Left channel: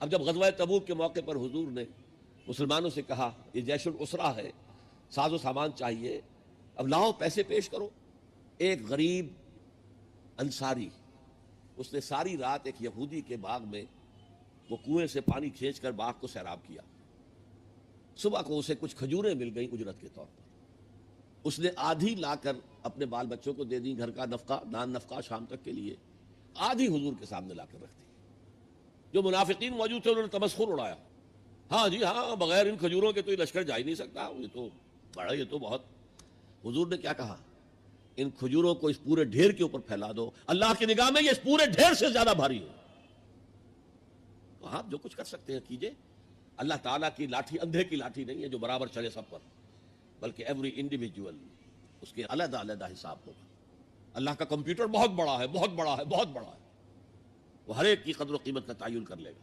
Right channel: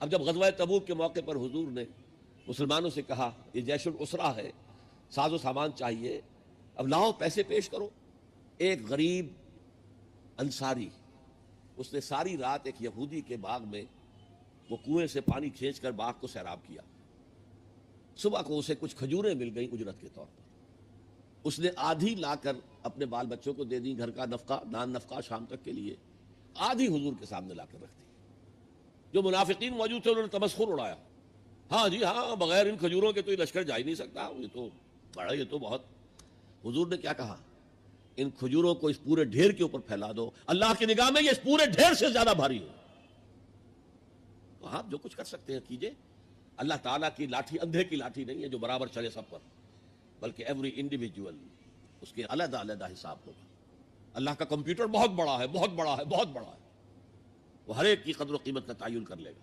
अब जब गज़वा तबूक के मौके पर हुजूर ने मुसलमानों से कहा ये जैशुल उसरा है, साजो सामान चाहिए, अब लाओ पैसे पेश करो। एक गरीब अंसारी, उसने सारी रात एक यहूदी के बाग में वो कुएं से पानी खींचकर बाग को सैराब किया। सुबह को उसे कुछ खजूरें मिल गई उजरत के तौर पर। उसने आधी लाकर अपने बाल बच्चों को दे दी, घर का नफका दान नफका शाम तक के लिए। आधी हुजूर के सामने लाकर रख दी। जो मुनाफिकीन मौजूद थे उन्होंने तमस्खुर उड़ाया, हाँ जी हाँ, बगैर इन खजूरों के तो ये लश्कर जा ही नहीं सकता, ये तो बड़ा, ये तो बहुत। हुजूर ने क्या कहा, इन खजूरों को इस पूरे ढेर के ऊपर फैला दो, अल्लाह की निगाह में ये इस पूरे ढेर से ज्यादा भारी है। जो कुछ कर सकते हैं कीजिए। अल्लाह ताला की लाठी अंधे की लाठी नहीं है जो बराबर चले सब पर, बल्कि एवरी इंडिविजुअल उसके अलग अलग हिसाब होगा। अल्लाह का कंप्यूटर बहुत बड़ा है, बहुत बड़ा है, बहुत बड़ा है, हर एक की कदर कीमत का तायुन कर लेगा।